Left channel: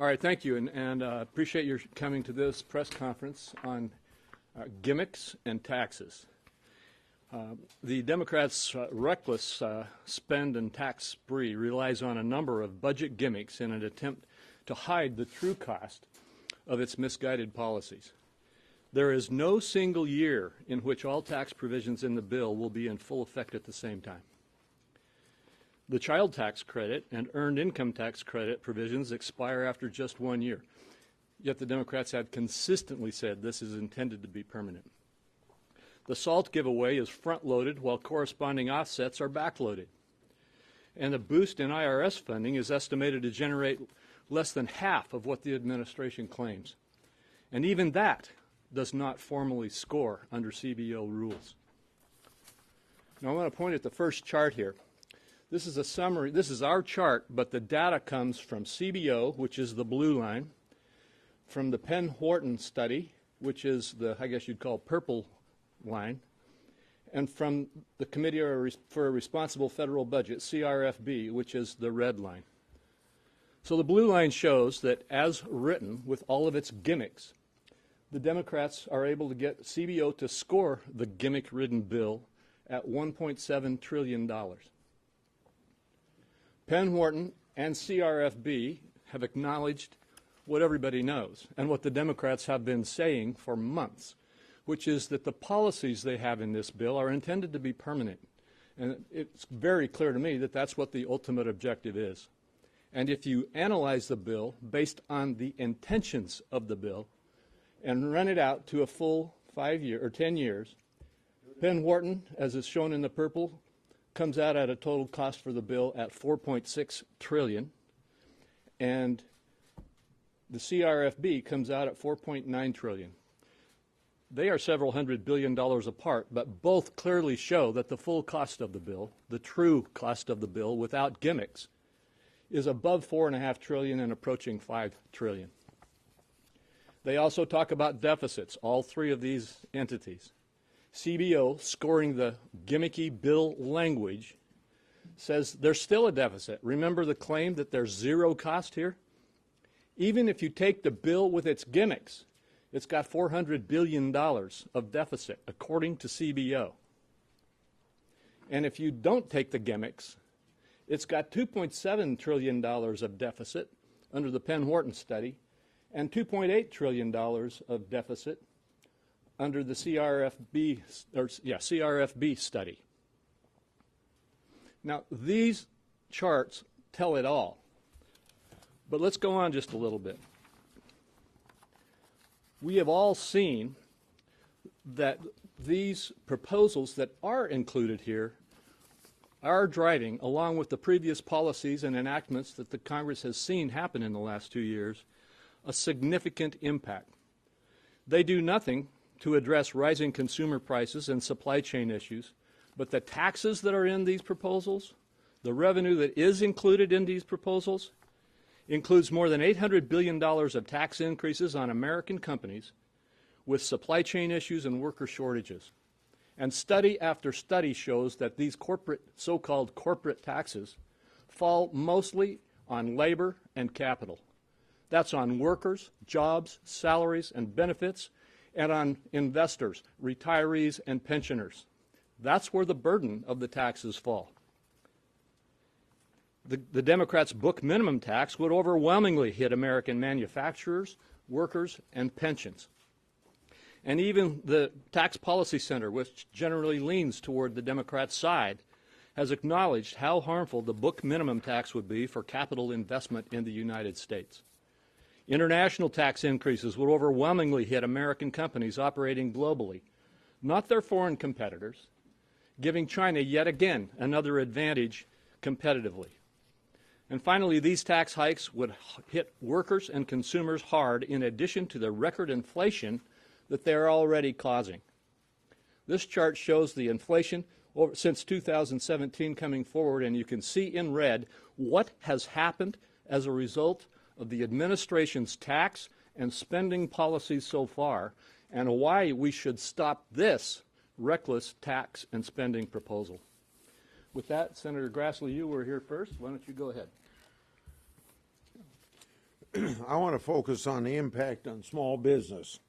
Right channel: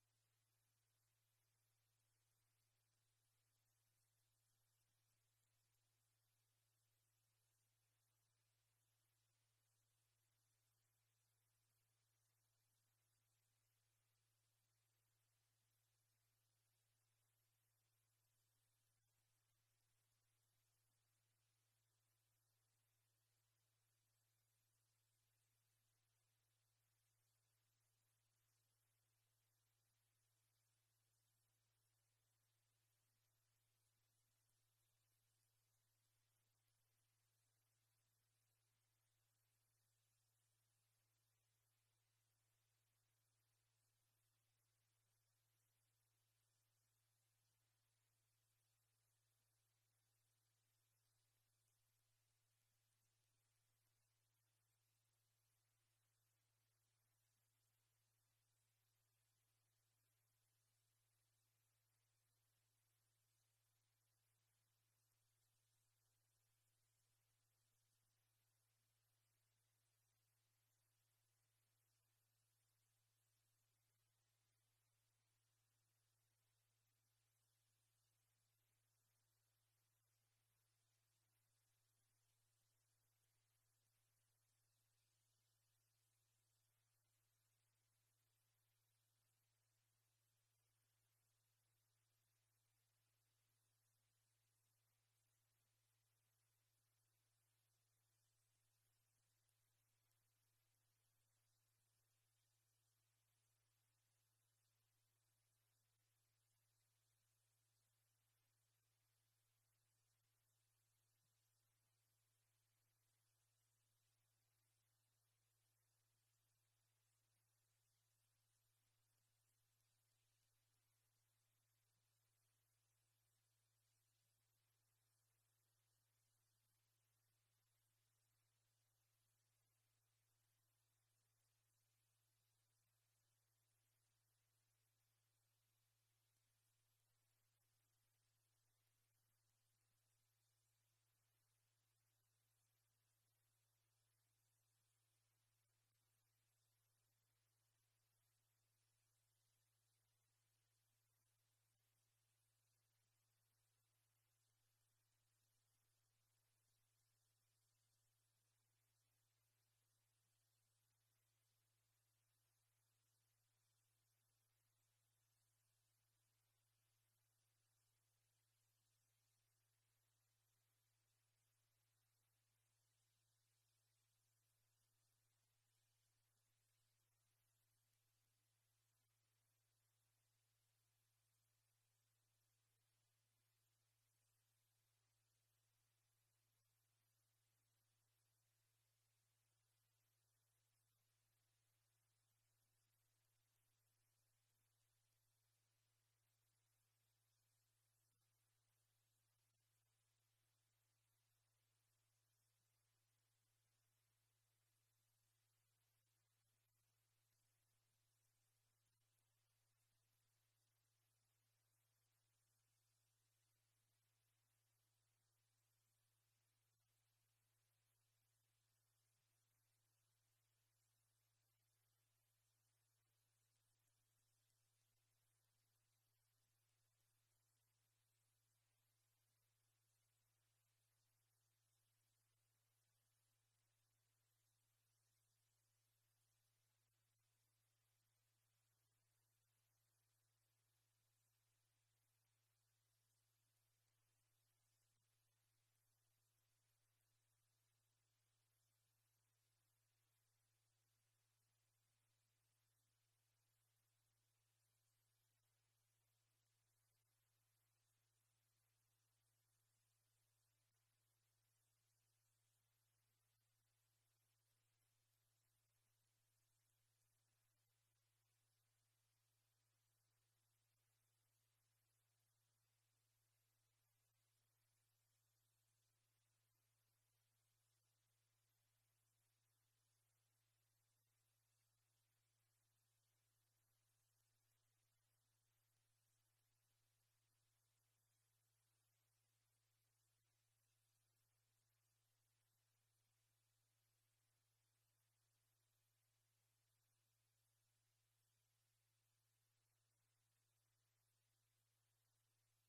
All right, thank you, and appreciate your coming to this press conference on gimmicks and taxes. The Democrats' reckless spend and tax spree relies on a number of budget gimmicks in an attempt to hide the true cost of its misguided policies. There is no single year in which all tax provisions in the bill will be in full effect at the same time. The child tax credit and earned income tax credit provisions expire after just 1 year, yet the Democrats have consistently said this is intended to be permanent. The SALT giveaway is front-loaded while corresponding offsets are back-loaded. And the boost in IRS funding is estimated to generate less than half of what the administration claims. And even that does not formally score under CBO rules. Now I want to point at the first chart here. This is a summary. This is our chart, but the data comes from CBO, which is the blue line, from the Penn-Wharton study, which is the, I guess you'd call, purple line, and from the Committee for a Responsible Federal Budget, CRFB, which is the red line. So the blue line shows that, as written, with all of its gimmicks, the Democrats are able to get CBO to score the gimmick-ridden bill at $1.7 trillion. Penn-Wharton and CRFB have acknowledged what everybody knows and what the Democrats have been saying for months, which is that the policies they have in this bill are intended to be permanent. And it's very clear to me that that's what the ultimate objective is. And if you analyze the bill based on the intentions of the bill and run it out to a full 5 year or 10 years, Penn-Wharton, as is shown in the purple, comes out at a total cost for the bill at $4.6 trillion, and the CRFB comes out at $4.9 trillion. They are several $100 billion apart, but both clearly show that the full cost of the bill, the true cost of the bill without gimmicks, is above $4.5 trillion and approaching $5 trillion. They also talk about deficits, all three of these entities. CBO, scoring the gimmicky bill language, says there's still a deficit. Remember the claim that there's zero cost here? Even if you take the bill with its gimmicks, it's got $400 billion of deficit, according to CBO. And if you don't take the gimmicks, it's got $2.7 trillion of deficit under the Penn-Wharton study and $2.8 trillion of deficit under the CRFB study. Now, these charts tell it all. But let's go on just a little bit. We have all seen that these proposals that are included here are driving, along with the previous policies and enactments that the Congress has seen happen in the last 2 years, a significant impact. They do nothing to address rising consumer prices and supply chain issues, but the taxes that are in these proposals, the revenue that is included in these proposals, includes more than $800 billion of tax increases on American companies with supply chain issues and worker shortages. And study after study shows that these so-called corporate taxes fall mostly on labor and capital. That's on workers, jobs, salaries, and benefits, and on investors, retirees, and pensioners. That's where the burden of the taxes fall. The Democrats' book minimum tax would overwhelmingly hit American manufacturers, workers, and pensions. And even the Tax Policy Center, which generally leans toward the Democrat side, has acknowledged how harmful the book minimum tax would be for capital investment in the United States. International tax increases would overwhelmingly hit American companies operating globally, not their foreign competitors, giving China yet again another advantage competitively. And finally, these tax hikes would hit workers and consumers hard in addition to the record inflation that they're already causing. This chart shows the inflation since 2017 coming forward, and you can see in red what has happened as a result of the administration's tax and spending policies so far, and why we should stop this reckless tax and spending proposal. With that, Senator Grassley, you were here first. Why don't you go ahead? I want to focus on the impact on small business.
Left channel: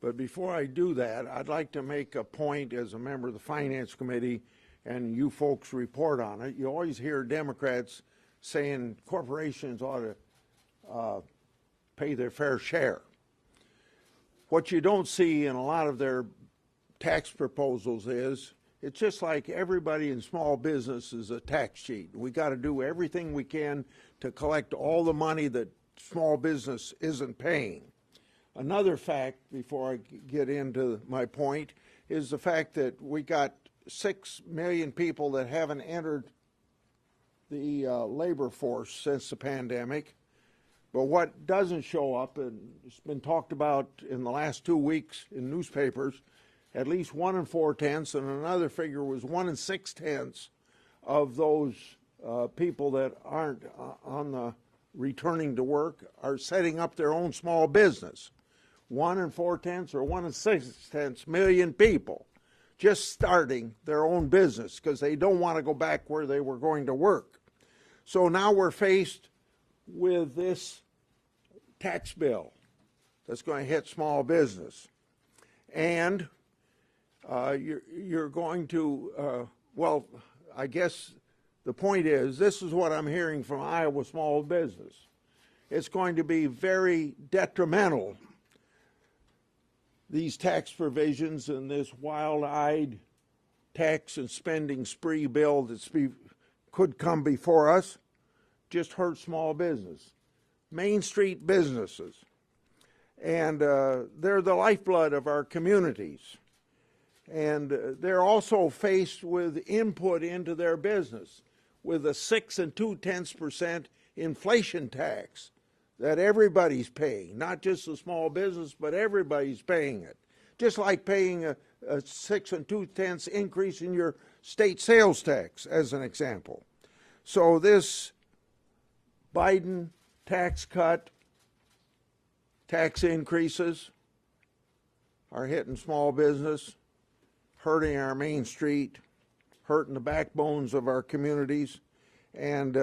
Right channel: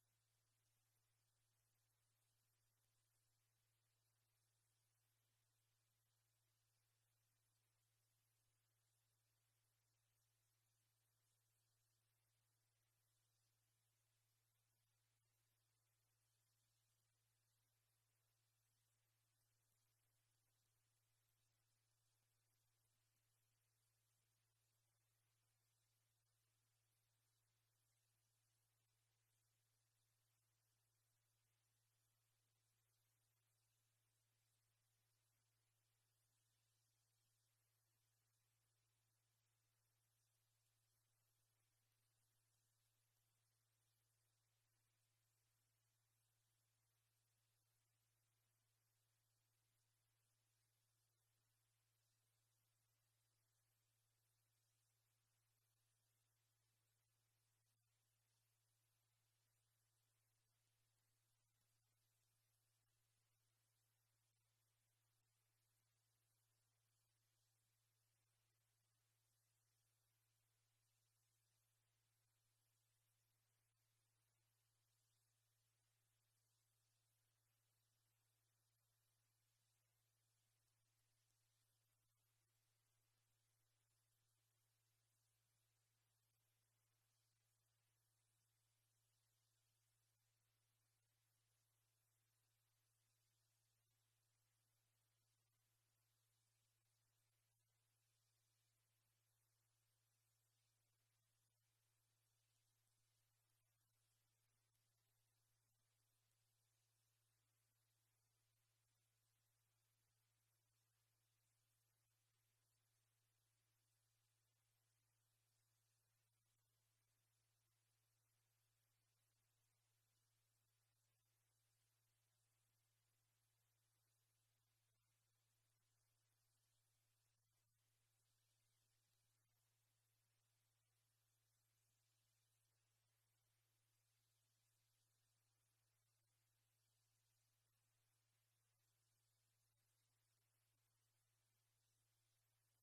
But before I do that, I'd like to make a point as a member of the Finance Committee, and you folks report on it. You always hear Democrats saying corporations ought to pay their fair share. What you don't see in a lot of their tax proposals is it's just like everybody in small business is a tax cheat. We got to do everything we can to collect all the money that small business isn't paying. Another fact, before I get into my point, is the fact that we got 6 million people that haven't entered the labor force since the pandemic. But what doesn't show up, and it's been talked about in the last 2 weeks in newspapers, at least 1 4/10, and another figure was 1 6/10 of those people that aren't on the returning to work are setting up their own small business. 1 4/10 or 1 6/10 million people just starting their own business because they don't want to go back where they were going to work. So now we're faced with this tax bill that's going to hit small business. And you're going to, well, I guess the point is, this is what I'm hearing from Iowa small business. It's going to be very detrimental, these tax provisions and this wild-eyed tax and spending spree bill that could come before us just hurt small business. Main Street businesses. And they're the lifeblood of our communities. And they're also faced with input into their business with a 6 2/10% inflation tax that everybody's paying, not just the small business, but everybody's paying it. Just like paying a 6 2/10 increase in your state sales tax, as an example. So this Biden tax cut, tax increases are hitting small business, hurting our Main Street, hurting the backbones of our communities, and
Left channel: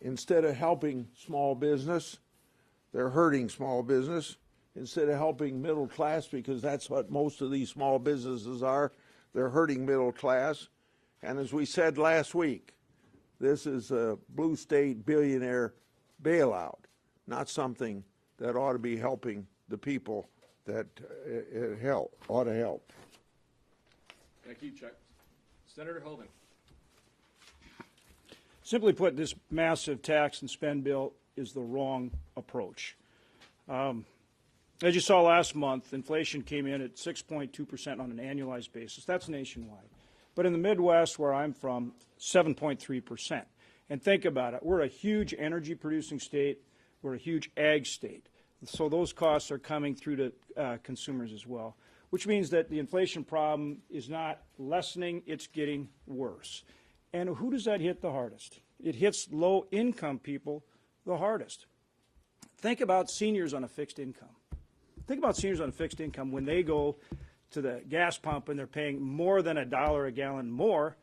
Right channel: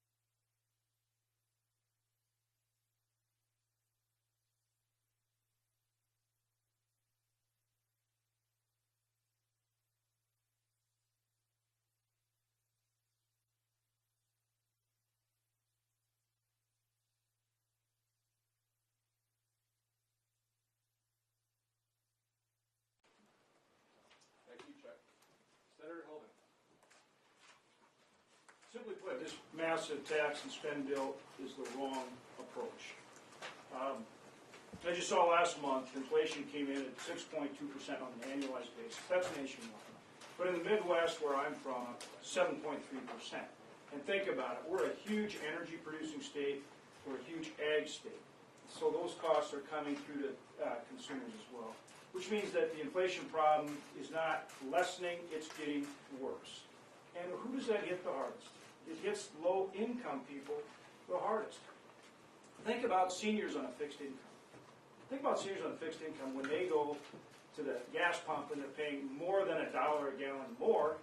instead of helping small business, they're hurting small business. Instead of helping middle class, because that's what most of these small businesses are, they're hurting middle class. And as we said last week, this is a blue state billionaire bailout, not something that ought to be helping the people that it ought to help. Thank you, Chuck. Senator Holden. Simply put, this massive tax and spend bill is the wrong approach. As you saw last month, inflation came in at 6.2% on an annualized basis. That's nationwide. But in the Midwest, where I'm from, 7.3%. And think about it. We're a huge energy producing state. We're a huge ag state. So those costs are coming through to consumers as well, which means that the inflation problem is not lessening, it's getting worse. And who does that hit the hardest? It hits low-income people the hardest. Think about seniors on a fixed income. Think about seniors on a fixed income when they go to the gas pump and they're paying more than $1 a gallon more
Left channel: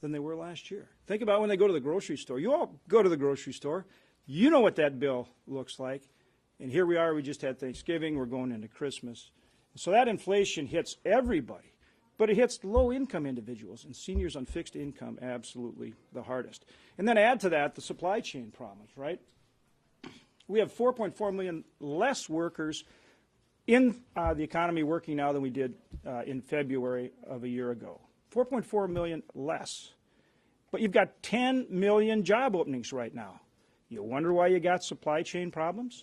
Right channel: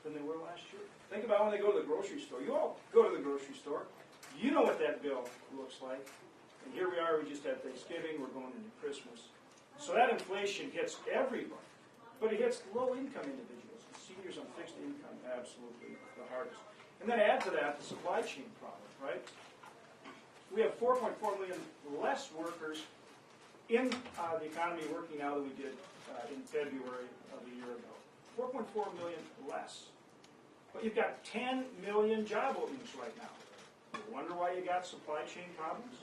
than they were last year. Think about when they go to the grocery store. You all go to the grocery store. You know what that bill looks like. And here we are, we just had Thanksgiving, we're going into Christmas. So that inflation hits everybody, but it hits low-income individuals and seniors on fixed income absolutely the hardest. And then add to that the supply chain problems, right? We have 4.4 million less workers in the economy working now than we did in February of a year ago. 4.4 million less. But you've got 10 million job openings right now. You wonder why you got supply chain problems?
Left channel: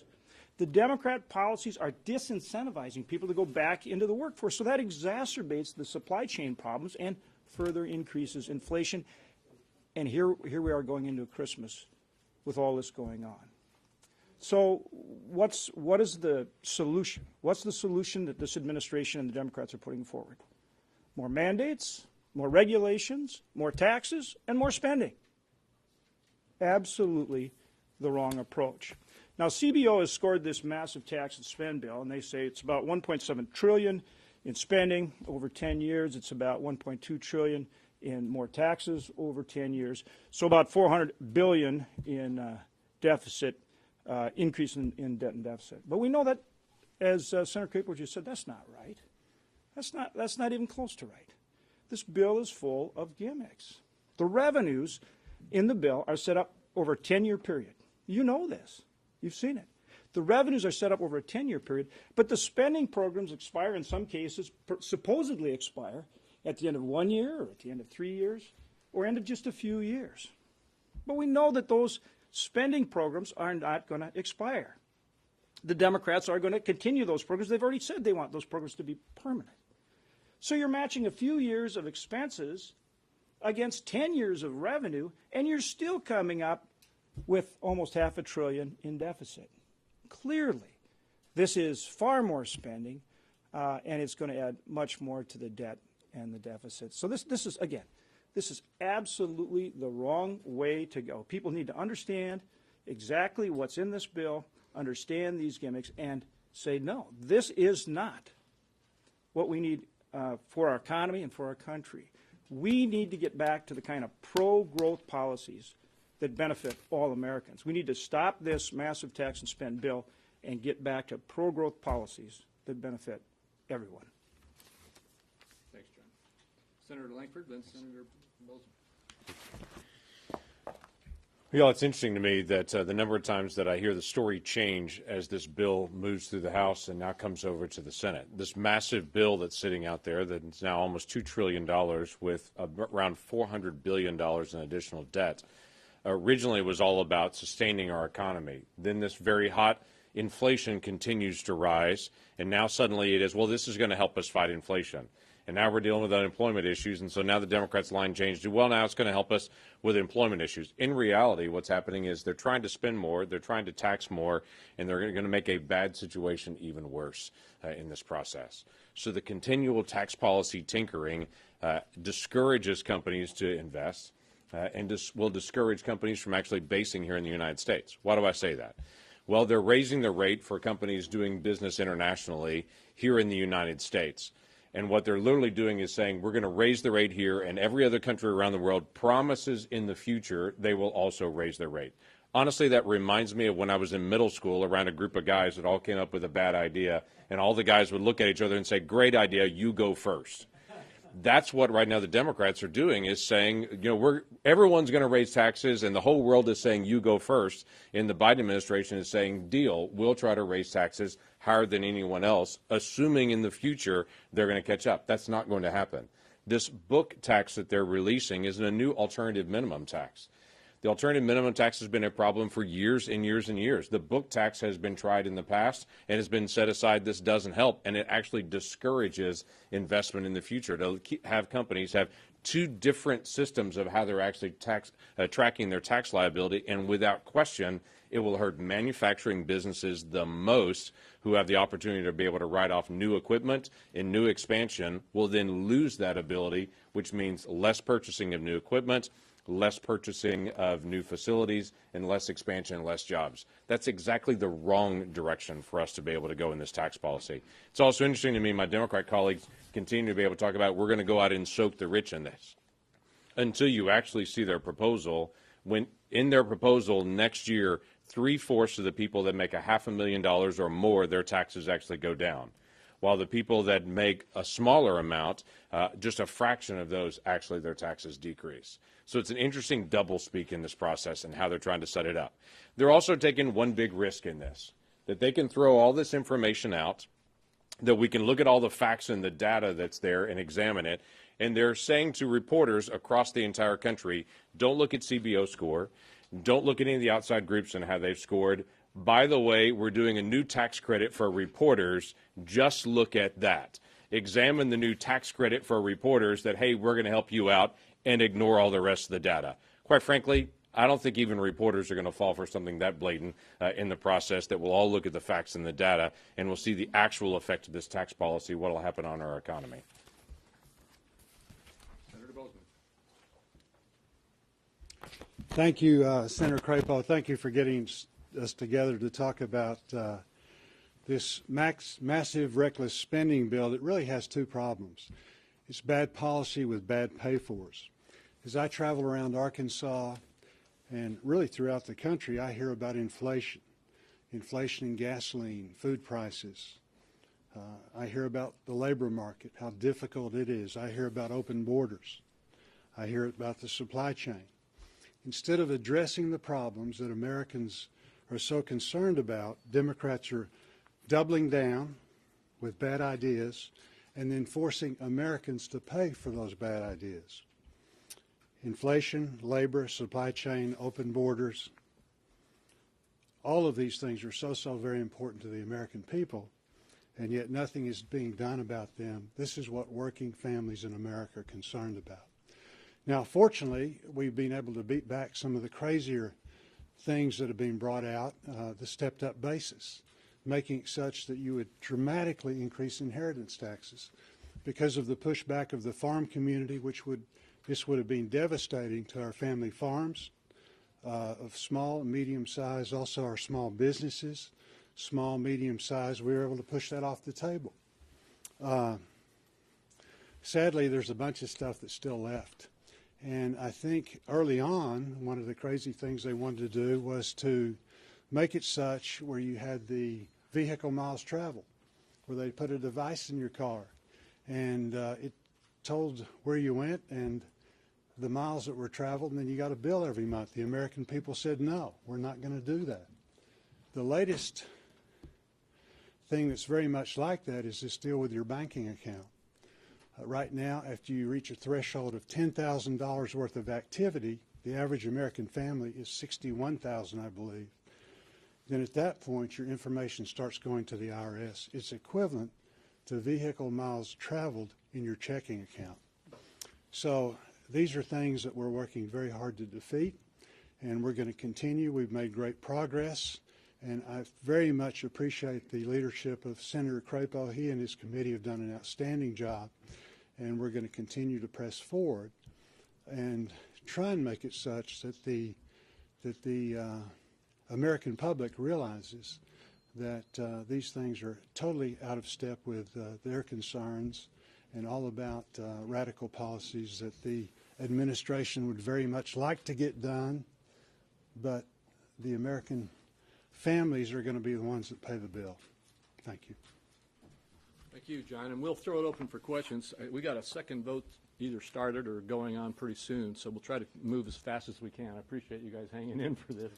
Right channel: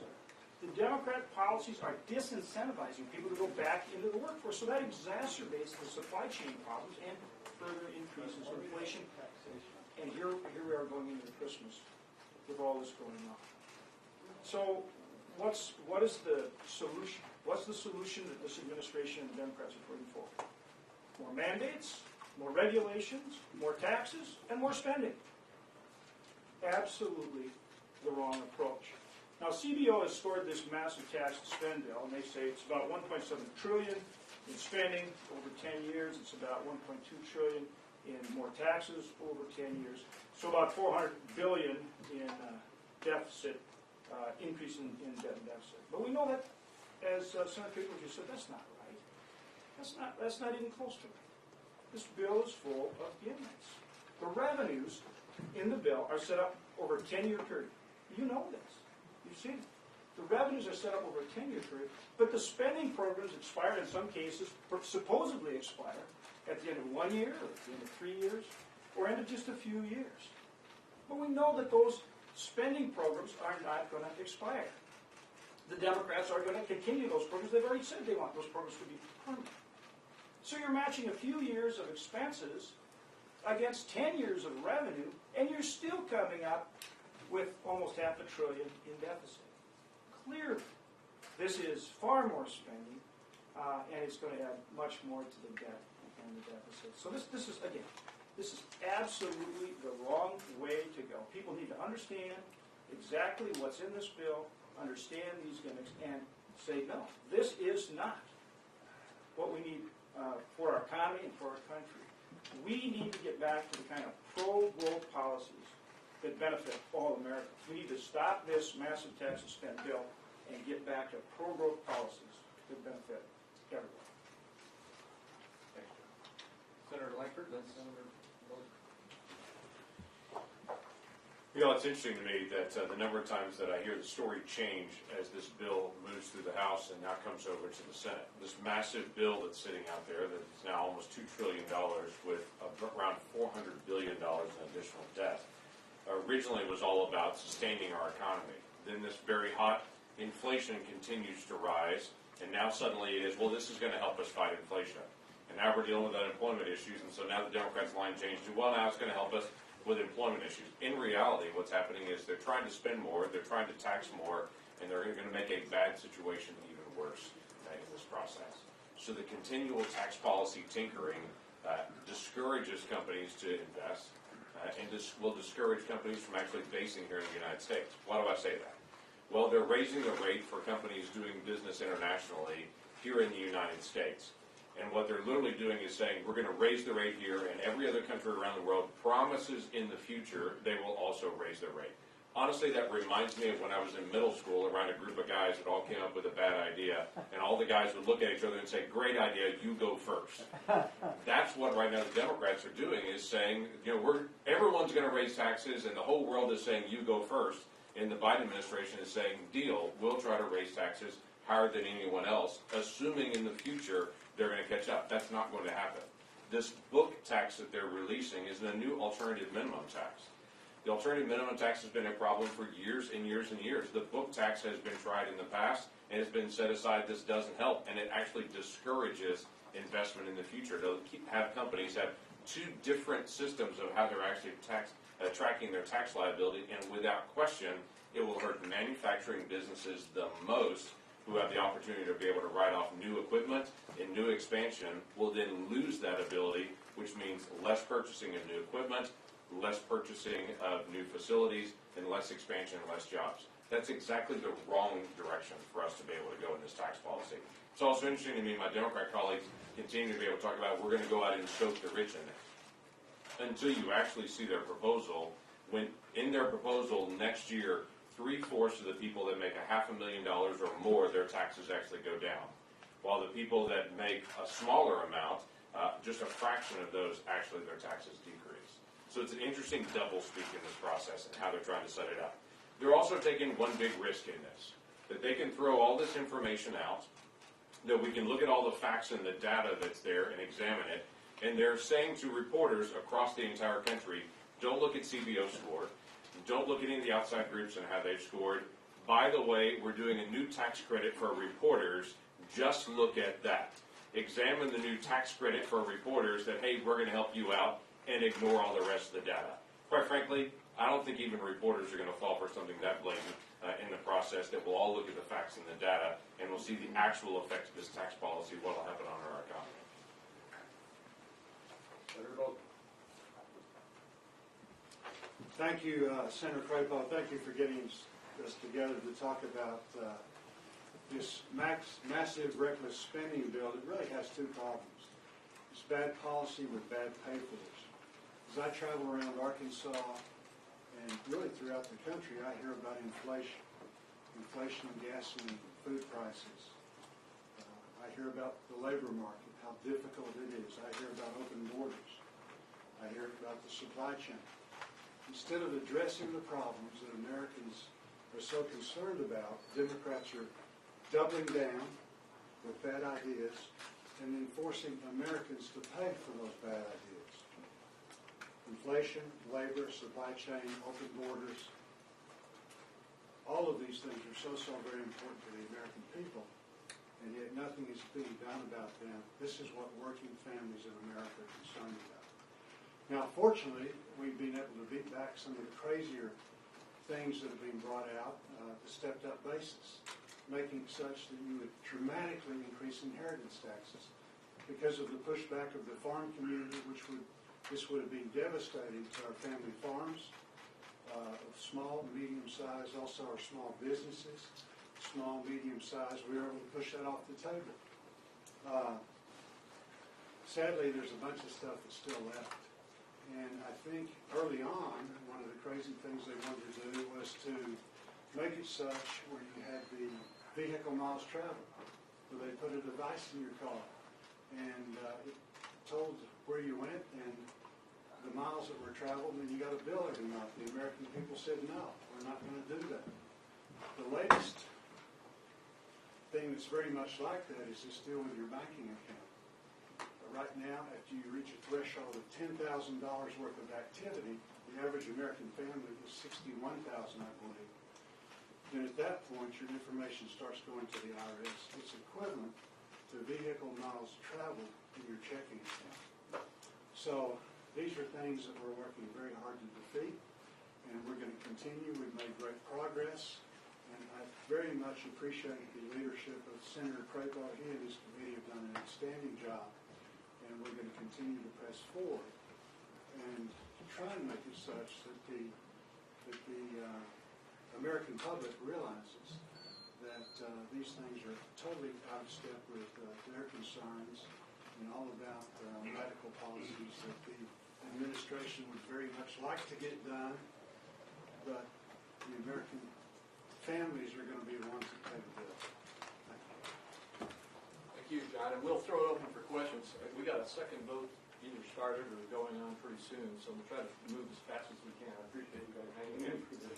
The Democrat policies are disincentivizing people to go back into the workforce. So that exacerbates the supply chain problems and further increases inflation. And here we are going into Christmas with all this going on. So what is the solution? What's the solution that this administration and the Democrats are putting forward? More mandates, more regulations, more taxes, and more spending. Absolutely the wrong approach. Now, CBO has scored this massive tax and spend bill, and they say it's about $1.7 trillion in spending over 10 years. It's about $1.2 trillion in more taxes over 10 years. So about $400 billion in deficit increase in debt and deficit. But we know that, as Senator Crapo just said, that's not right. That's not even close to right. This bill is full of gimmicks. The revenues in the bill are set up over a 10-year period. You know this. You've seen it. The revenues are set up over a 10-year period, but the spending programs expire in some cases, supposedly expire at the end of 1 year, or at the end of 3 years, or end of just a few years. But we know that those spending programs are not going to expire. The Democrats are going to continue those programs. They've already said they want those programs to be permanent. So you're matching a few years of expenses against 10 years of revenue, and you're still coming up with almost $500 billion in deficit. Clearly, this is far more spending, and it's going to add much more to the debt and the deficit. So this is, again, this is absolutely the wrong way to go. People need to understand exactly what's in this bill, understand these gimmicks, and say, no, this is not what we need for our economy and for our country. We need to get back to the kind of pro-growth policies that benefit all Americans. We need to stop this massive tax and spend bill and get back to pro-growth policies that benefit everyone. Thanks, John. Senator Langford, then Senator Moser. You know, it's interesting to me that the number of times that I hear the story change as this bill moves through the House and now comes over to the Senate. This massive bill that's sitting out there that is now almost $2 trillion with around $400 billion in additional debt originally was all about sustaining our economy. Then this very hot inflation continues to rise, and now suddenly it is, well, this is going to help us fight inflation. And now we're dealing with unemployment issues, and so now the Democrats' line changed to, well, now it's going to help us with employment issues. In reality, what's happening is they're trying to spend more, they're trying to tax more, and they're going to make a bad situation even worse in this process. So the continual tax policy tinkering discourages companies to invest and will discourage companies from actually basing here in the United States. Why do I say that? Well, they're raising the rate for companies doing business internationally here in the United States. And what they're literally doing is saying, we're going to raise the rate here, and every other country around the world promises in the future they will also raise their rate. Honestly, that reminds me of when I was in middle school around a group of guys that all came up with a bad idea, and all the guys would look at each other and say, great idea, you go first. That's what right now the Democrats are doing, is saying, you know, everyone's going to raise taxes, and the whole world is saying, you go first. And the Biden administration is saying, deal, we'll try to raise taxes higher than anyone else, assuming in the future they're going to catch up. That's not going to happen. This book tax that they're releasing is a new alternative minimum tax. The alternative minimum tax has been a problem for years and years and years. The book tax has been tried in the past and has been set aside. This doesn't help, and it actually discourages investment in the future. To have companies have two different systems of how they're actually tracking their tax liability, and without question, it will hurt manufacturing businesses the most, who have the opportunity to be able to write off new equipment, and new expansion will then lose that ability, which means less purchasing of new equipment, less purchasing of new facilities, and less expansion and less jobs. That's exactly the wrong direction for us to be able to go in this tax policy. It's also interesting to me, my Democrat colleagues continue to be able to talk about, we're going to go out and soak the rich in this. Until you actually see their proposal, when in their proposal next year, 3/4 of the people that make $500,000 or more, their taxes actually go down. While the people that make a smaller amount, just a fraction of those, actually their taxes decrease. So it's an interesting doublespeak in this process and how they're trying to set it up. They're also taking one big risk in this, that they can throw all this information out, that we can look at all the facts and the data that's there and examine it, and they're saying to reporters across the entire country, don't look at CBO score, don't look at any of the outside groups and how they've scored. By the way, we're doing a new tax credit for reporters, just look at that. Examine the new tax credit for reporters that, hey, we're going to help you out, and ignore all the rest of the data. Quite frankly, I don't think even reporters are going to fall for something that blatant in the process, that we'll all look at the facts and the data, and we'll see the actual effect of this tax policy, what will happen on our economy. Thank you, Senator Crapo. Thank you for getting us together to talk about this massive reckless spending bill that really has two problems. It's bad policy with bad pay fors. As I travel around Arkansas and really throughout the country, I hear about inflation. inflation in gasoline, food prices. I hear about the labor market, how difficult it is. I hear about open borders. I hear about the supply chain. Instead of addressing the problems that Americans are so concerned about, Democrats are doubling down with bad ideas and then forcing Americans to pay for those bad ideas. Inflation, labor, supply chain, open borders, all of these things are so very important to the American people, and yet nothing is being done about them. This is what working families in America are concerned about. Now, fortunately, we've been able to beat back some of the crazier things that have been brought out, the stepped-up basis, making it such that you would dramatically increase inheritance taxes. Because of the pushback of the farm community, this would have been devastating to our family farms of small, medium size, also our small businesses, small, medium size. We were able to push that off the table. Sadly, there's a bunch of stuff that's still left. And I think early on, one of the crazy things they wanted to do was to make it such where you had the vehicle miles traveled, where they put a device in your car, and it told where you went and the miles that were traveled, and then you got a bill every month. The American people said, no, we're not going to do that. The latest thing that's very much like that is this deal with your banking account. Right now, after you reach a threshold of $10,000 worth of activity, the average American family is $61,000, I believe. Then at that point, your information starts going to the IRS. It's equivalent to vehicle miles traveled in your checking account. So these are things that we're working very hard to defeat, and we're going to continue. We've made great progress, and I very much appreciate the leadership of Senator Crapo. He and his committee have done an outstanding job, and we're going to continue to press forward and try and make it such that the American public realizes that these things are totally out of step with their concerns and all about radical policies that the administration would very much like to get done, but the American families are going to be the ones that pay the bill. Thank you. Thank you, John. And we'll throw it open for questions. We got a second vote either started or going on pretty soon, so we'll try to move as fast as we can. I appreciate you guys hanging in for this.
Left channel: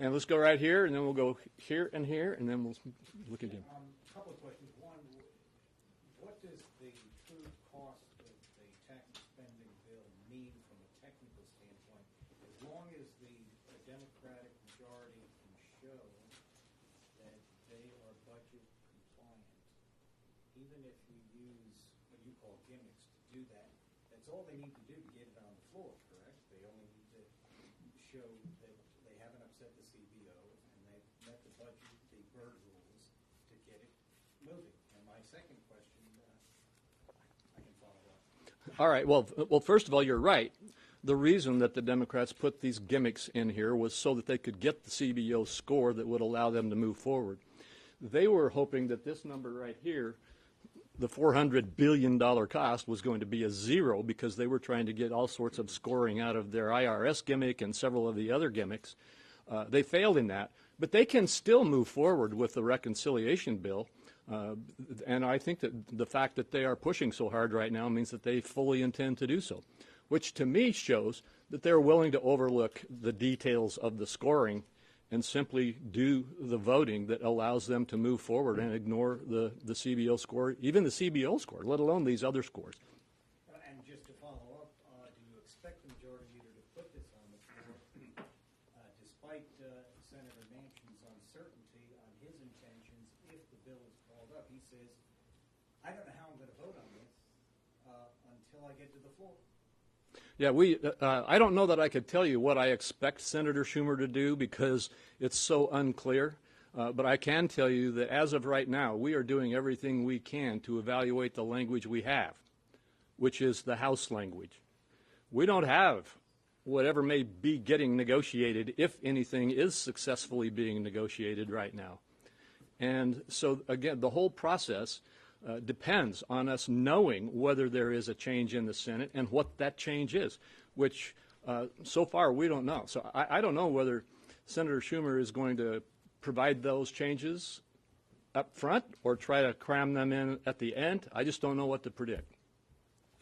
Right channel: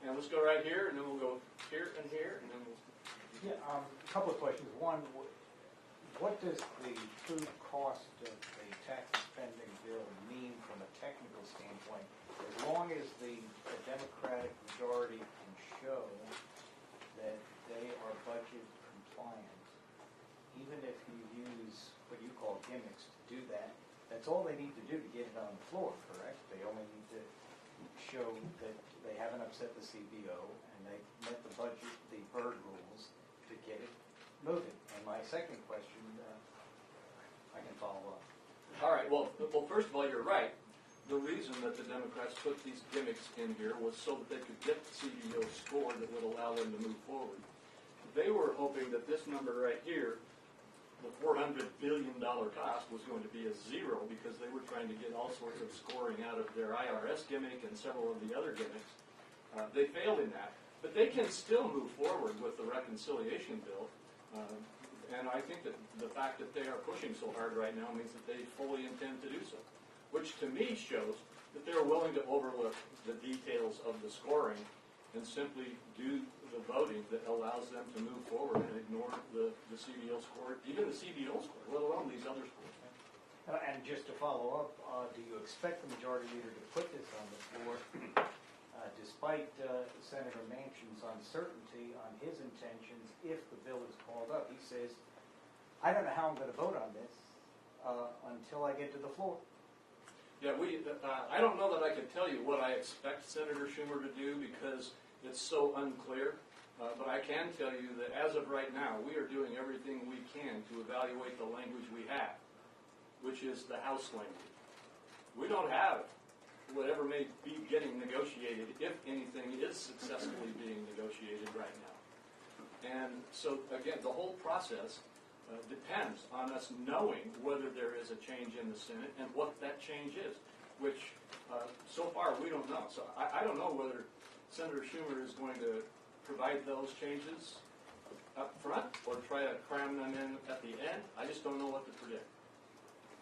And let's go right here, and then we'll go here, and then we'll look at it. A couple of questions. One, what does the true cost of the tax spending bill mean from a technical standpoint? As long as the Democratic majority can show that they are budget compliant, even if you use what you call gimmicks to do that, that's all they need to do to get it on the floor, correct? They only need to show that they haven't upset the CBO and they met the budget, the Byrd rules to get it moving. And my second question, I can follow up. All right. Well, first of all, you're right. The reason that the Democrats put these gimmicks in here was so that they could get the CBO score that would allow them to move forward. They were hoping that this number right here, the $400 billion cost, was going to be a zero because they were trying to get all sorts of scoring out of their IRS gimmick and several of the other gimmicks. They failed in that. But they can still move forward with the reconciliation bill. And I think that the fact that they are pushing so hard right now means that they fully intend to do so, which to me shows that they're willing to overlook the details of the scoring and simply do the voting that allows them to move forward and ignore the CBO score, even the CBO score, let alone these other scores. And just to follow up, do you expect the majority leader to put this on the floor, despite Senator Manchin's uncertainty on his intentions if the bill is called up? He says, I don't know how I'm going to vote on this until I get to the floor. Yeah, I don't know that I could tell you what I expect Senator Schumer to do because it's so unclear. But I can tell you that as of right now, we are doing everything we can to evaluate the language we have, which is the House language. We don't have whatever may be getting negotiated, if anything is successfully being negotiated right now. And so, again, the whole process depends on us knowing whether there is a change in the Senate and what that change is, which so far we don't know. So I don't know whether Senator Schumer is going to provide those changes up front or try to cram them in at the end. I just don't know what to predict.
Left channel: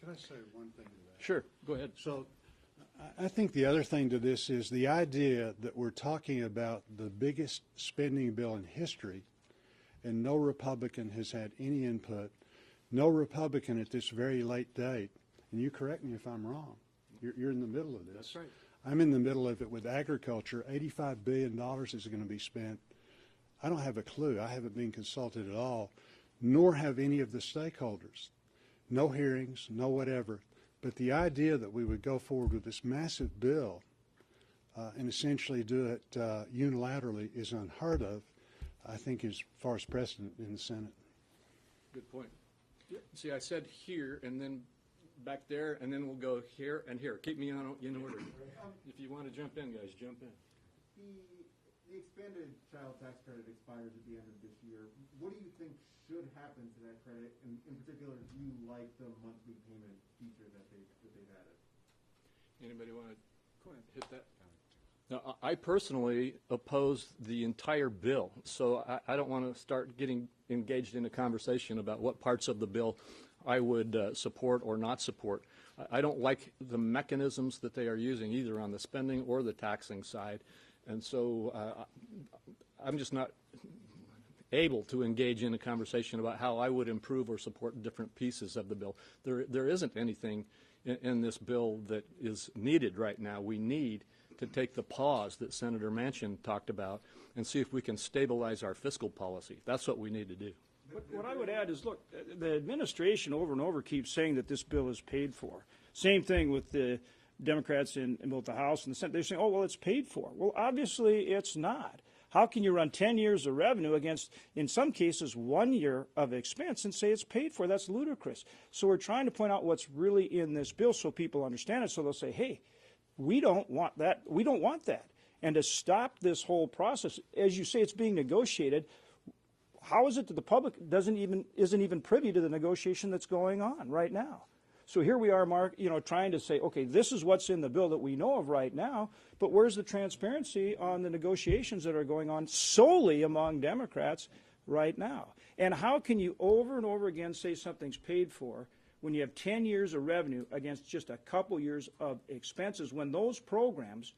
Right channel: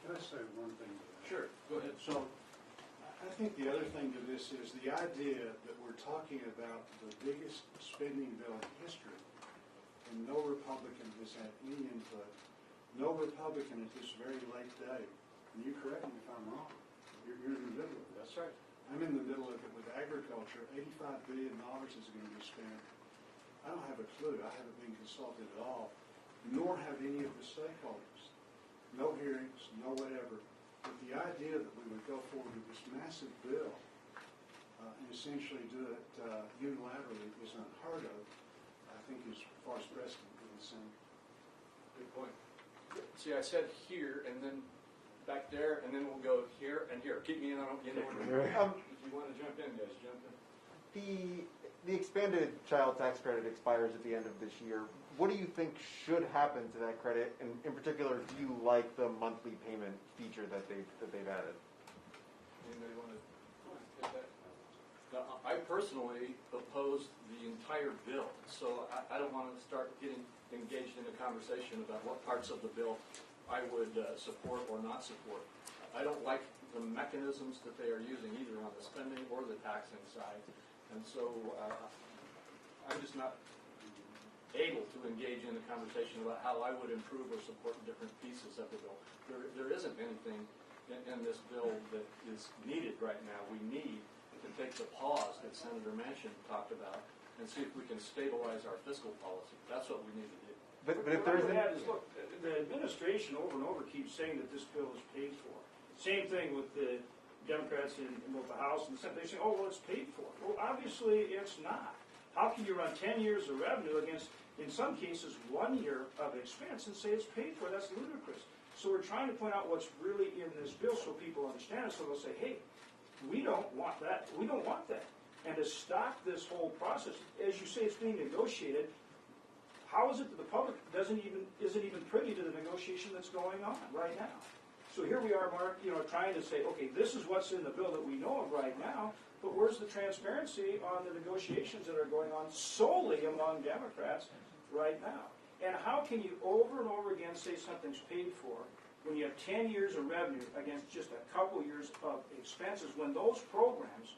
Can I say one thing to that? Sure, go ahead. So I think the other thing to this is the idea that we're talking about the biggest spending bill in history, and no Republican has had any input. No Republican at this very late date, and you correct me if I'm wrong, you're in the middle of this. That's right. I'm in the middle of it with agriculture. $85 billion is going to be spent. I don't have a clue. I haven't been consulted at all, nor have any of the stakeholders. No hearings, no whatever. But the idea that we would go forward with this massive bill and essentially do it unilaterally is unheard of, I think is far as precedent in the Senate. Good point. See, I said here and then back there, and then we'll go here and here. Keep me in order. If you want to jump in, guys, jump in. The expanded child tax credit expires at the end of this year. What do you think should happen to that credit? And in particular, do you like the monthly payment feature that they've added? Anybody want to hit that? Now, I personally oppose the entire bill, so I don't want to start getting engaged in a conversation about what parts of the bill I would support or not support. I don't like the mechanisms that they are using either on the spending or the taxing side, and so I'm just not able to engage in a conversation about how I would improve or support different pieces of the bill. There isn't anything in this bill that is needed right now. We need to take the pause that Senator Manchin talked about and see if we can stabilize our fiscal policy. That's what we need to do. But if What I there's would add is, look, the administration over and over keeps saying that this bill is paid for. Same thing with the Democrats in both the House and the Senate. They're saying, oh, well, it's paid for. Well, obviously it's not. How can you run 10 years of revenue against, in some cases, 1 year of expense and say it's paid for? That's ludicrous. So we're trying to point out what's really in this bill so people understand it, so they'll say, hey, we don't want that. We don't want that. And to stop this whole process, as you say, it's being negotiated. How is it that the public isn't even privy to the negotiation that's going on right now? So here we are, Mark, trying to say, okay, this is what's in the bill that we know of right now, but where's the transparency on the negotiations that are going on solely among Democrats right now? And how can you over and over again say something's paid for when you have 10 years of revenue against just a couple years of expenses, when those programs,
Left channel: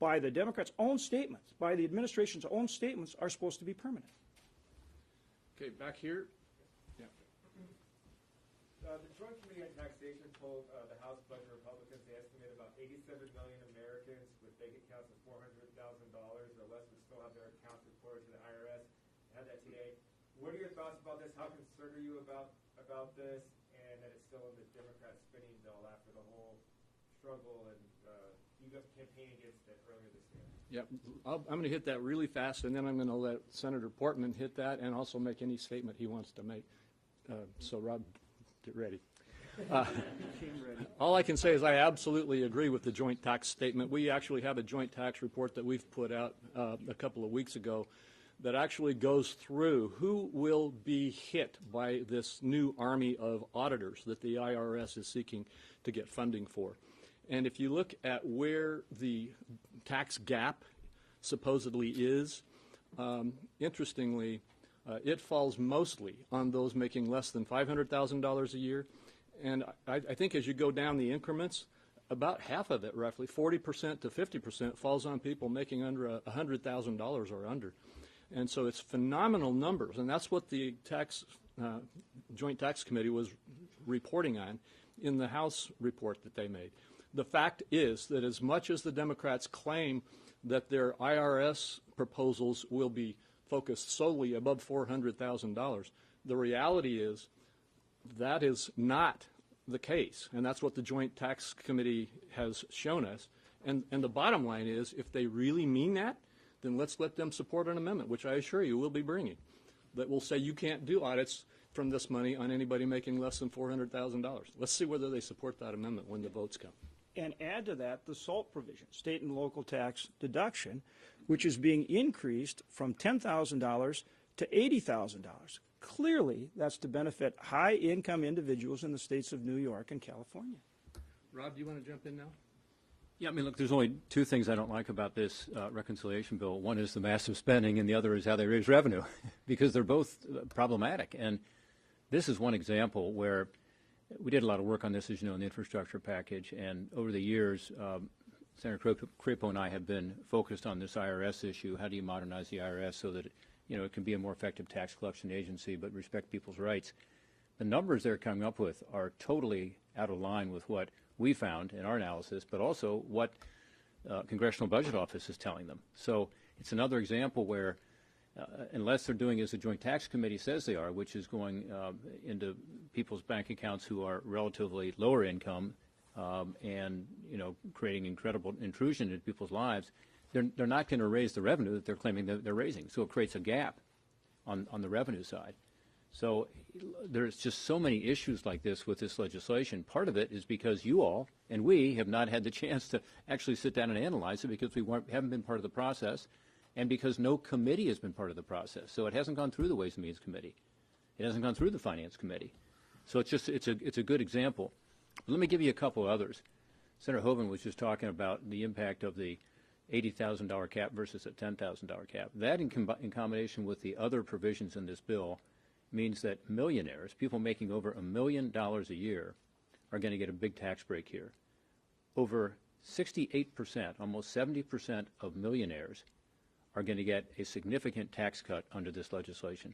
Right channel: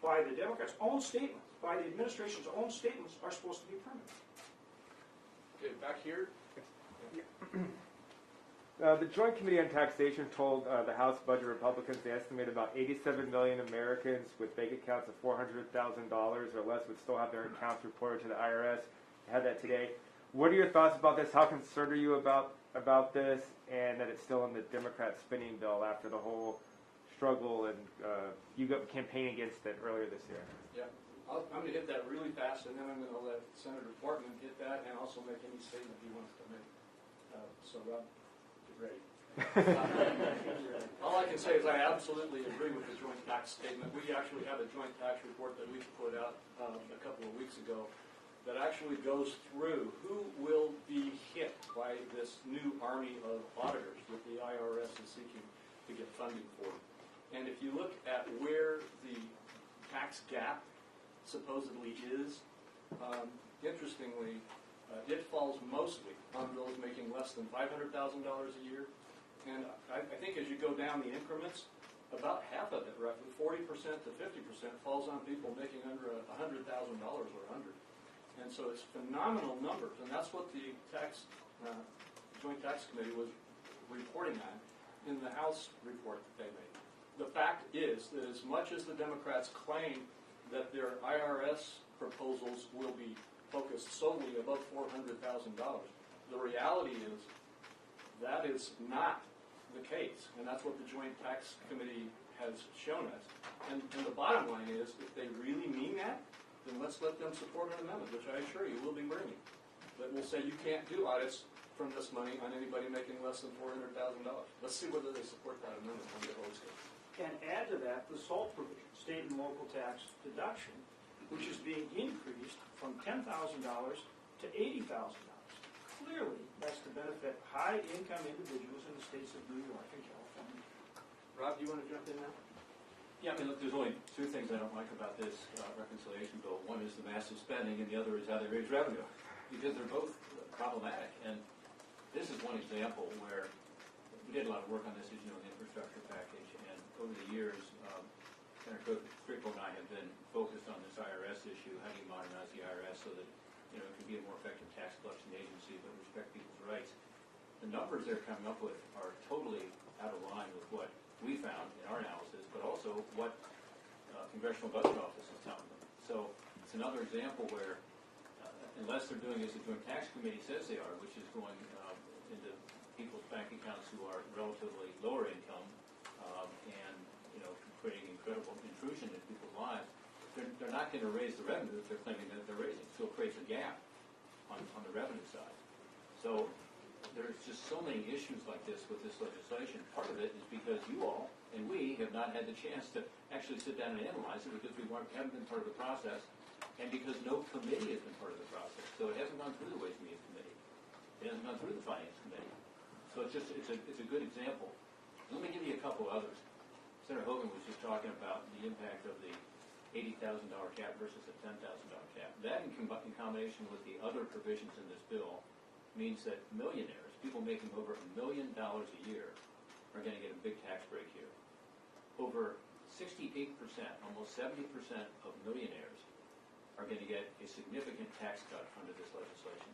by the Democrats' own statements, by the administration's own statements, are supposed to be permanent? Okay, back here. The Joint Committee on Taxation told the House Budget Republicans they estimate about 87 million Americans with bank accounts of $400,000 or less would still have their accounts reported to the IRS. I had that today. What are your thoughts about this? How concerned are you about this, and that it's still in the Democrat spending bill after the whole struggle and you got campaigning against it earlier this year? Yeah, I'm going to hit that really fast, and then I'm going to let Senator Portman hit that and also make any statement he wants to make. So, Rob, get ready. All I can say is I absolutely agree with the joint tax statement. We actually have a joint tax report that we've put out a couple of weeks ago that actually goes through who will be hit by this new army of auditors that the IRS is seeking to get funding for. And if you look at where the tax gap supposedly is, interestingly, it falls mostly on those making less than $500,000 a year. And I think as you go down the increments, about half of it, roughly 40% to 50%, falls on people making under $100,000 or under. And so it's phenomenal numbers, and that's what the Joint Tax Committee was reporting on in the House report that they made. The fact is that as much as the Democrats claim that their IRS proposals will be focused solely above $400,000, the reality is that is not the case, and that's what the Joint Tax Committee has shown us. And the bottom line is, if they really mean that, then let's let them support an amendment, which I assure you we'll be bringing, that will say you can't do audits from this money on anybody making less than $400,000. Let's see whether they support that amendment when the votes come. And add to that the SALT provision, state and local tax deduction, which is being increased from $10,000 to $80,000. Clearly, that's to benefit high-income individuals in the states of New York and California. Rob, do you want to jump in now? Yeah, I mean, look, there's only two things I don't like about this reconciliation bill. One is the massive spending, and the other is how they raise revenue, because they're both problematic. And this is one example where we did a lot of work on this, as you know, in the infrastructure package. And over the years, Senator Crapo and I have been focused on this IRS issue. How do you modernize the IRS so that it can be a more effective tax collection agency, but respect people's rights? The numbers they're coming up with are totally out of line with what we found in our analysis, but also what Congressional Budget Office is telling them. So it's another example where, unless they're doing as the Joint Tax Committee says they are, which is going into people's bank accounts who are relatively lower income and creating incredible intrusion into people's lives, they're not going to raise the revenue that they're claiming that they're raising. So it creates a gap on the revenue side. So there's just so many issues like this with this legislation. Part of it is because you all and we have not had the chance to actually sit down and analyze it because we haven't been part of the process, and because no committee has been part of the process. So it hasn't gone through the Ways and Means Committee. It hasn't gone through the Finance Committee. So it's a good example. Let me give you a couple others. Senator Hoeven was just talking about the impact of the $80,000 cap versus a $10,000 cap. That in combination with the other provisions in this bill means that millionaires, people making over $1 million a year, are going to get a big tax break here. Over 68%, almost 70% of millionaires are going to get a significant tax cut under this legislation.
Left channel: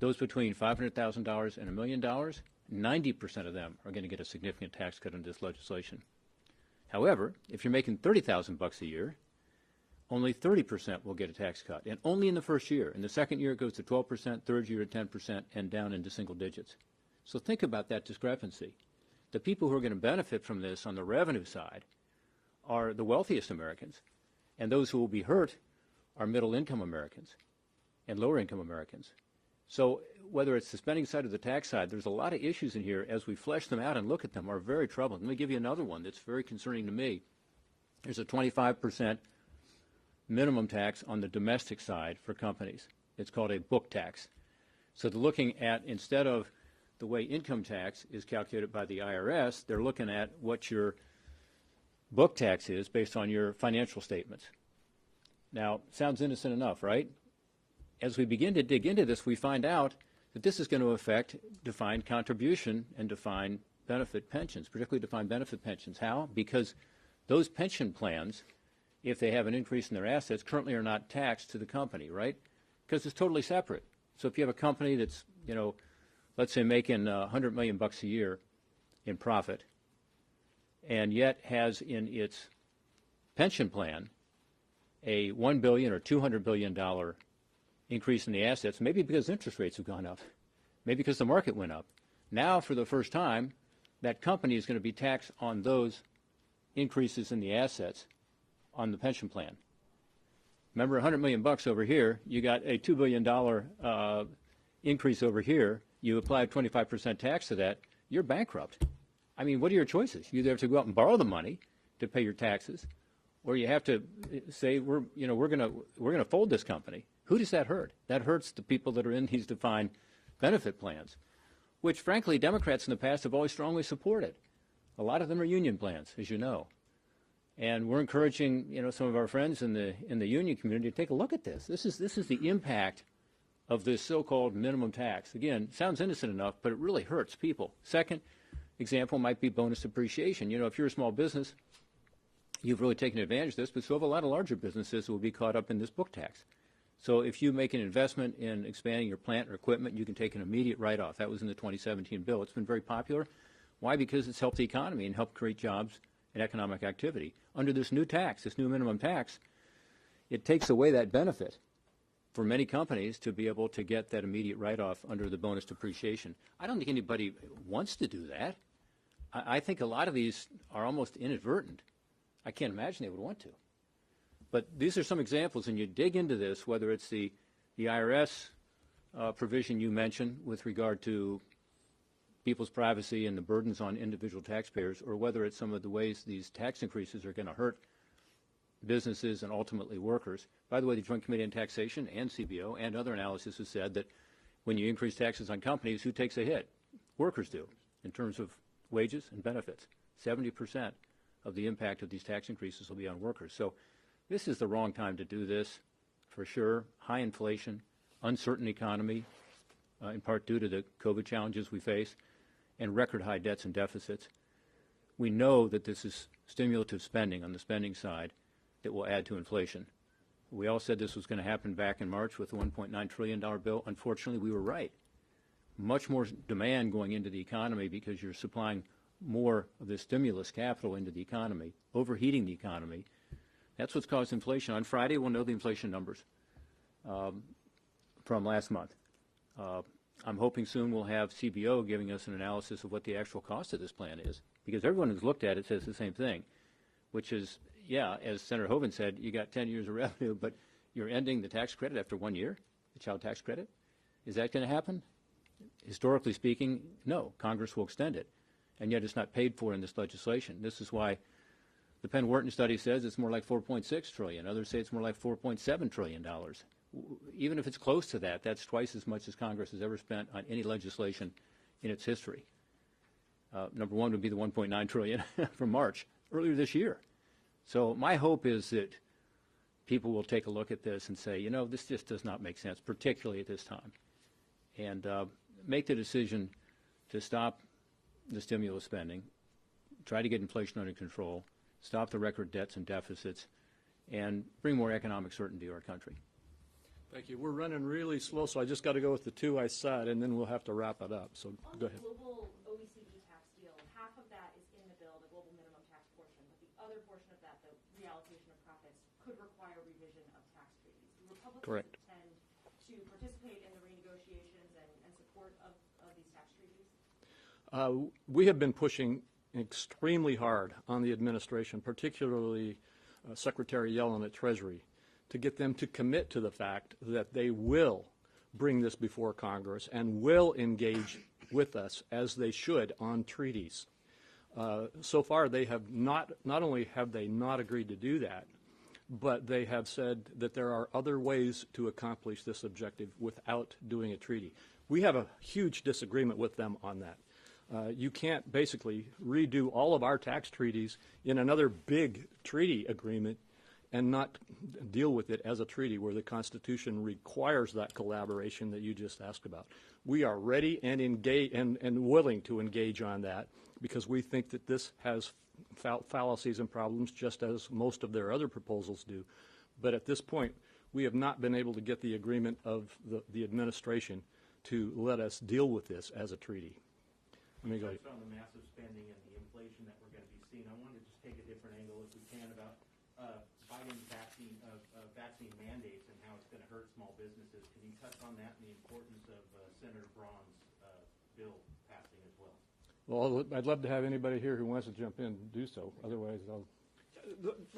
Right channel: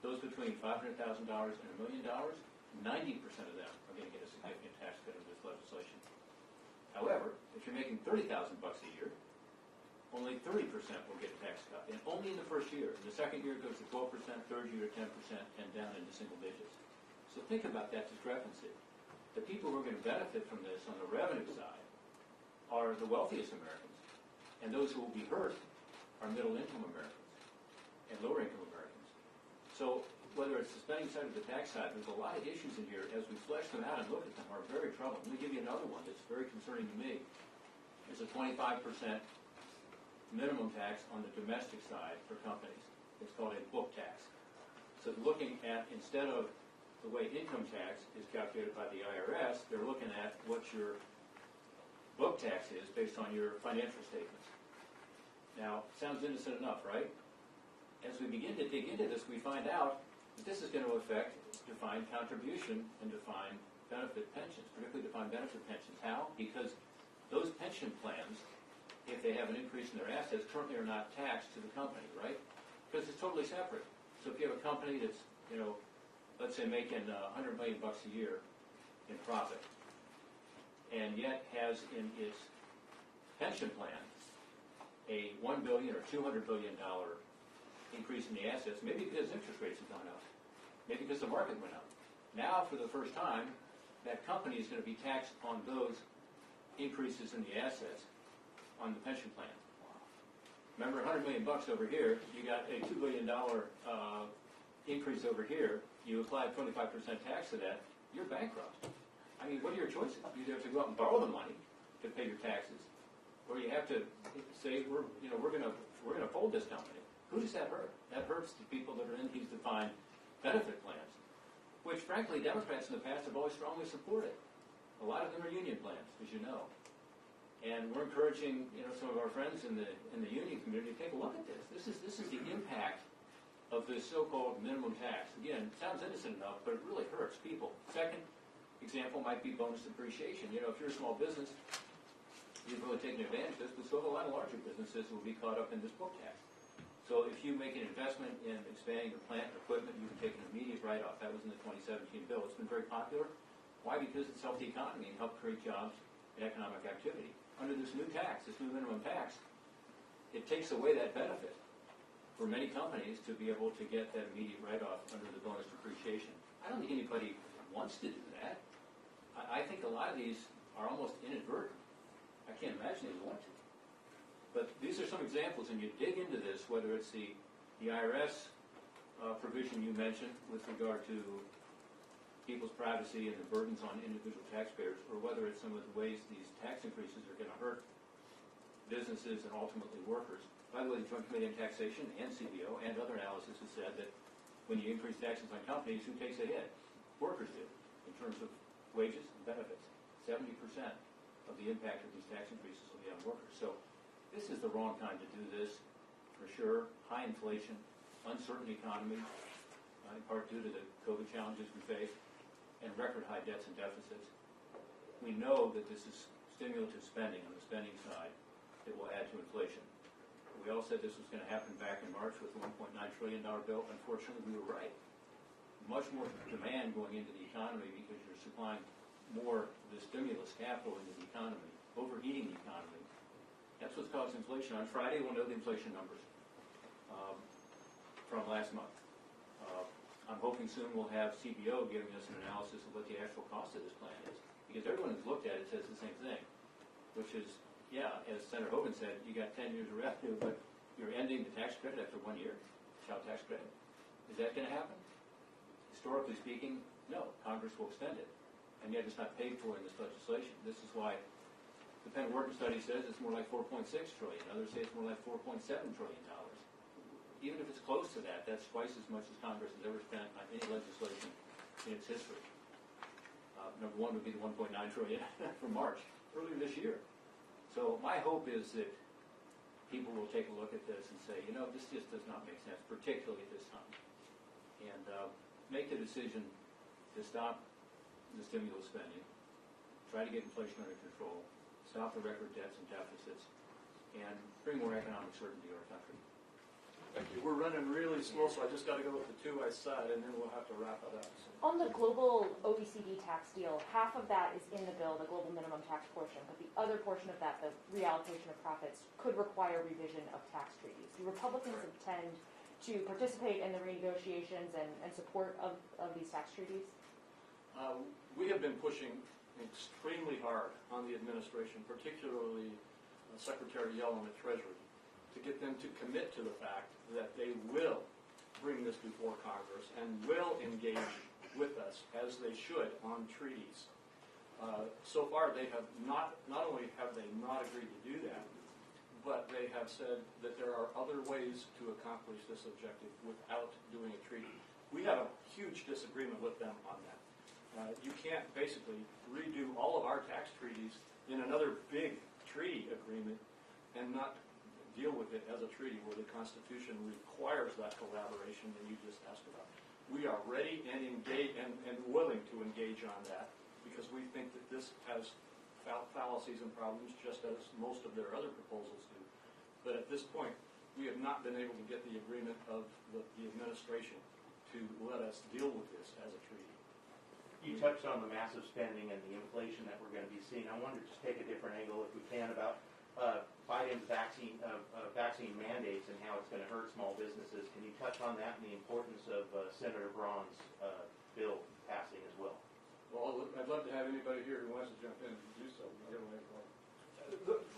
Those between $500,000 and $1 million, 90% of them are going to get a significant tax cut under this legislation. However, if you're making $30,000 a year, only 30% will get a tax cut, and only in the first year. In the second year, it goes to 12%, third year to 10%, and down into single digits. So think about that discrepancy. The people who are going to benefit from this on the revenue side are the wealthiest Americans, and those who will be hurt are middle-income Americans and lower-income Americans. So whether it's the spending side or the tax side, there's a lot of issues in here as we flesh them out and look at them are very troubling. Let me give you another one that's very concerning to me. There's a 25% minimum tax on the domestic side for companies. It's called a book tax. So they're looking at, instead of the way income tax is calculated by the IRS, they're looking at what your book tax is based on your financial statements. Now, sounds innocent enough, right? As we begin to dig into this, we find out that this is going to affect defined contribution and defined benefit pensions, particularly defined benefit pensions. How? Because those pension plans, if they have an increase in their assets, currently are not taxed to the company, right? Because it's totally separate. So if you have a company that's, let's say making $100 million a year in profit, and yet has in its pension plan a $1 billion or $200 billion increase in the assets, maybe because interest rates have gone up, maybe because the market went up. Now, for the first time, that company is going to be taxed on those increases in the assets on the pension plan. Remember, $100 million over here, you got a $2 billion increase over here. You apply 25% tax to that, you're bankrupt. I mean, what are your choices? You either have to go out and borrow the money to pay your taxes, or you have to say we're going to fold this company. Who does that hurt? That hurts the people that are in these defined benefit plans, which, frankly, Democrats in the past have always strongly supported. A lot of them are union plans, as you know. And we're encouraging, some of our friends in the union community to take a look at this. This is the impact of this so-called minimum tax. Again, it sounds innocent enough, but it really hurts people. Second example might be bonus depreciation. If you're a small business, you've really taken advantage of this, but so have a lot of larger businesses who will be caught up in this book tax. So if you make an investment in expanding your plant or equipment, you can take an immediate write-off. That was in the 2017 bill. It's been very popular. Why? Because it's helped the economy and helped create jobs and economic activity. Under this new tax, this new minimum tax, it takes away that benefit for many companies to be able to get that immediate write-off under the bonus depreciation. I don't think anybody wants to do that. I think a lot of these are almost inadvertent. I can't imagine they would want to. But these are some examples, and you dig into this, whether it's the IRS provision you mentioned with regard to people's privacy and the burdens on individual taxpayers, or whether it's some of the ways these tax increases are going to hurt businesses and ultimately workers. By the way, the Joint Committee on Taxation and CBO and other analysis has said that when you increase taxes on companies, who takes a hit? Workers do, in terms of wages and benefits. 70% of the impact of these tax increases will be on workers. So this is the wrong time to do this, for sure. High inflation, uncertain economy, in part due to the COVID challenges we face, and record high debts and deficits. We know that this is stimulative spending on the spending side that will add to inflation. We all said this was going to happen back in March with the $1.9 trillion bill. Unfortunately, we were right. Much more demand going into the economy because you're supplying more of this stimulus capital into the economy, overheating the economy. That's what's caused inflation. On Friday, we'll know the inflation numbers from last month. I'm hoping soon we'll have CBO giving us an analysis of what the actual cost of this plan is, because everyone who's looked at it says the same thing, which is, yeah, as Senator Hoeven said, you got 10 years of revenue, but you're ending the tax credit after 1 year, the child tax credit. Is that going to happen? Historically speaking, no. Congress will extend it, and yet it's not paid for in this legislation. This is why the Penn Wharton study says it's more like $4.6 trillion. Others say it's more like $4.7 trillion. Even if it's close to that, that's twice as much as Congress has ever spent on any legislation in its history. Number one would be the $1.9 trillion from March, earlier this year. So my hope is that people will take a look at this and say, you know, this just does not make sense, particularly at this time. And make the decision to stop the stimulus spending, try to get inflation under control, stop the record debts and deficits, and bring more economic certainty to our country. Thank you. We're running really slow, so I just got to go with the two I said, and then we'll have to wrap it up. So on the global OECD tax deal, half of that is in the bill, the global minimum tax portion, but the other portion of that, the reallocation of profits, could require revision of tax treaties. Do Republicans intend to participate in the renegotiations and support of these tax treaties? We have been pushing extremely hard on the administration, particularly Secretary Yellen at Treasury, to get them to commit to the fact that they will bring this before Congress and will engage with us, as they should, on treaties. So far, they have not only have they not agreed to do that, but they have said that there are other ways to accomplish this objective without doing a treaty. We have a huge disagreement with them on that. You can't basically redo all of our tax treaties in another big treaty agreement and not deal with it as a treaty where the Constitution requires that collaboration that you just asked about. We are ready and engaged and willing to engage on that because we think that this has fallacies and problems just as most of their other proposals do. But at this point, we have not been able to get the agreement of the administration to let us deal with this as a treaty. You touched on the massive spending and the inflation that we're going to be seeing. I wanted to just take a different angle, if we can, about Biden's vaccine mandates and how it's going to hurt small businesses. Can you touch on that and the importance of Senator Braun's bill passing as well? Well, I'd love to have anybody here who wants to jump in and do so. Otherwise,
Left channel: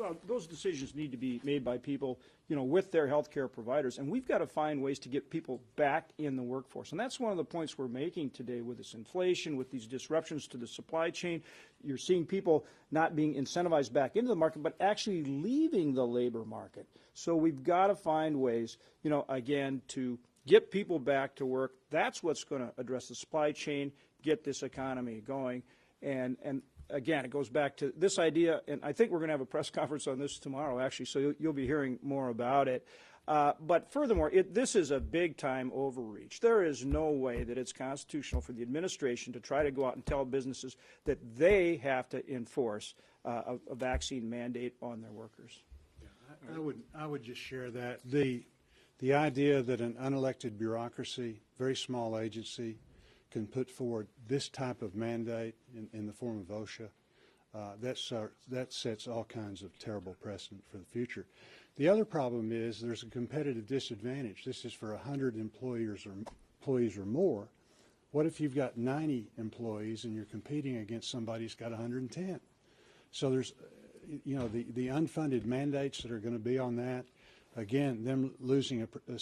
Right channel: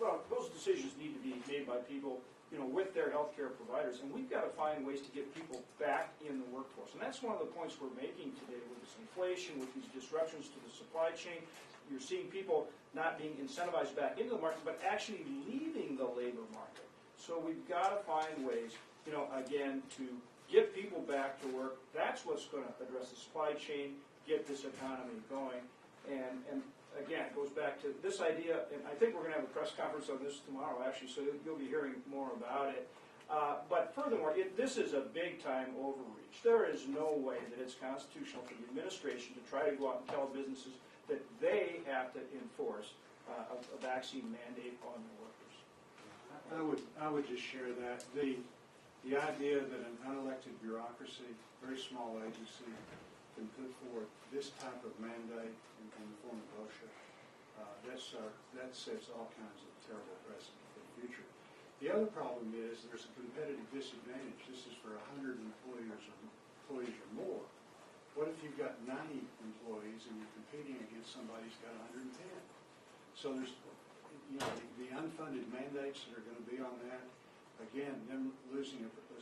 Well, those decisions need to be made by people, you know, with their healthcare providers, and we've got to find ways to get people back in the workforce. And that's one of the points we're making today with this inflation, with these disruptions to the supply chain. You're seeing people not being incentivized back into the market, but actually leaving the labor market. So we've got to find ways, you know, again, to get people back to work. That's what's going to address the supply chain, get this economy going. And again, it goes back to this idea, and I think we're going to have a press conference on this tomorrow, actually, so you'll be hearing more about it. But furthermore, this is a big-time overreach. There is no way that it's constitutional for the administration to try to go out and tell businesses that they have to enforce a vaccine mandate on their workers. I would just share that. The idea that an unelected bureaucracy, very small agency, can put forward this type of mandate in the form of OSHA, that sets all kinds of terrible precedent for the future. The other problem is there's a competitive disadvantage. This is for 100 employees or more. What if you've got 90 employees and you're competing against somebody who's got 110? So there's, you know, the unfunded mandates that are going to be on that. Again, them losing a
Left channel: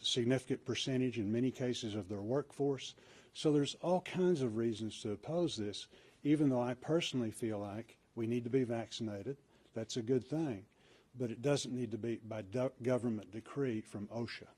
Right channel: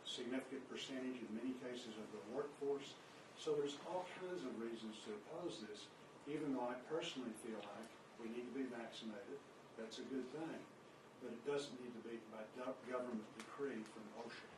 significant percentage in many cases of their workforce. So there's all kinds of reasons to oppose this, even though I personally feel like we need to be vaccinated. That's a good thing. But it doesn't need to be by government decree from OSHA.